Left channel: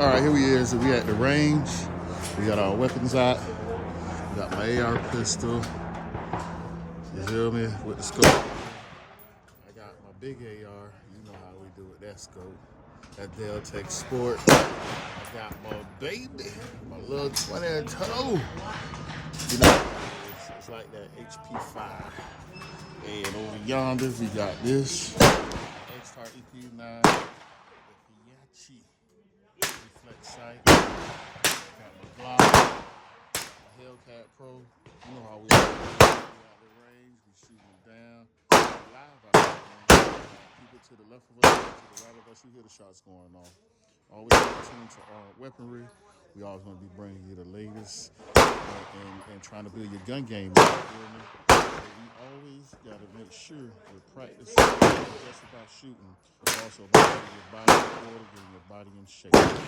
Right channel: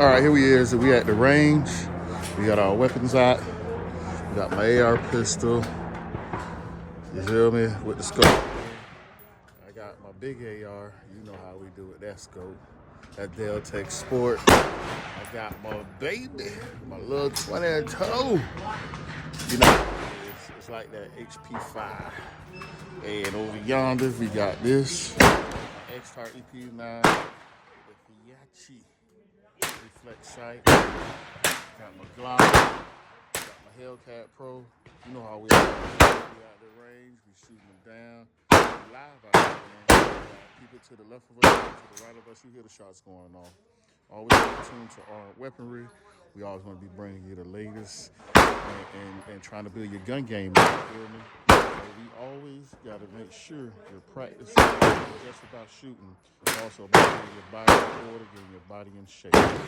All right, here we is. We at the range. We got our weapons out. We got my AR pistol. You feel me? With the scope. I got my big AR. You know how we do with that scope. That Deltec Sport. I got my baby, my little 22. You know, it's like that HP5. And over yonder, we got this X-Tar EP9 with the Yachi reflect sight. Got my Glock. Got my Hellcat Pro. You know how we out the range. We shooting them down. We live out there, man. Keep it to the left of us, to the right of us. You hear the shots going off. Always tuned to our weaponry. We always want to be bringing you the latest and trying to build your gun game. You feel me? We always got to make sure you're practicing just about shooting, but also about getting your body in order, getting your body in shape.